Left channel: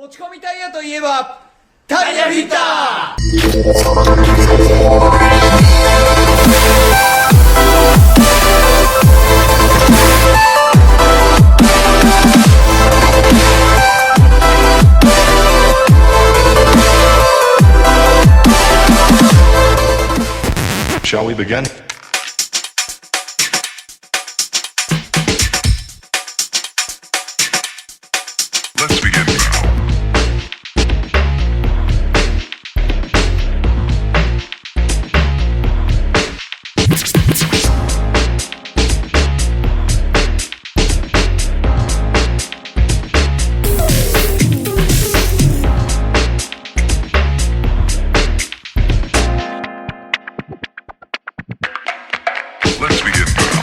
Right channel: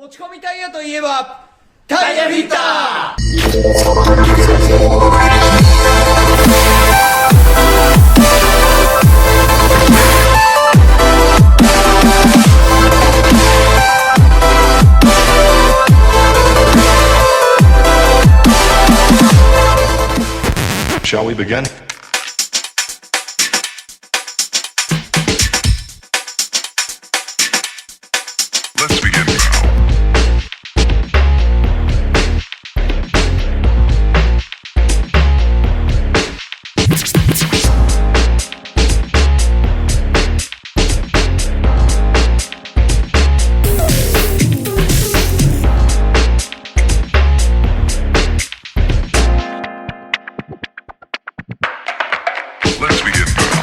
持ち込みタイヤといえばタイヤフィッター。Shall we begin? Let's begin now. Let's begin now.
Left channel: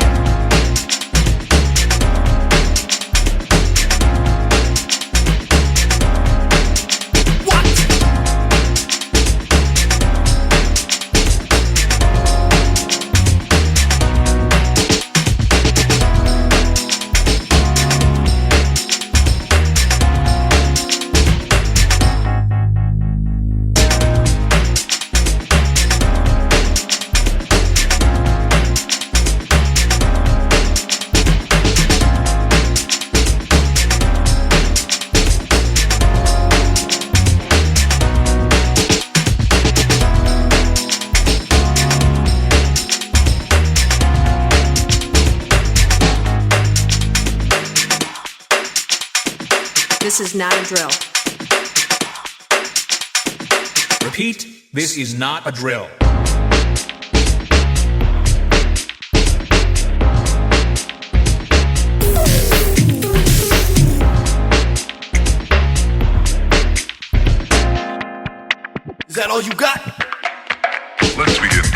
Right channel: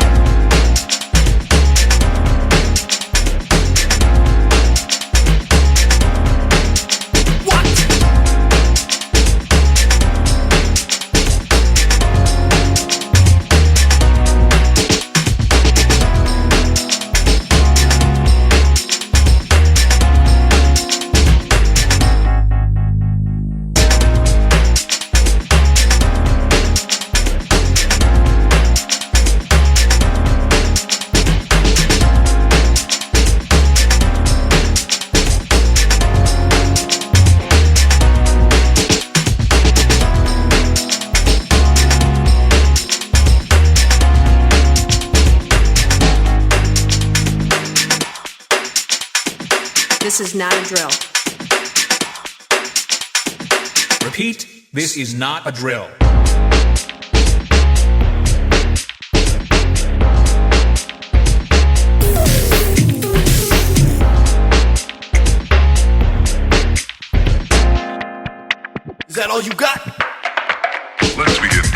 This is not a drill. Repeat, this is not a drill. Is that all you got? Let's begin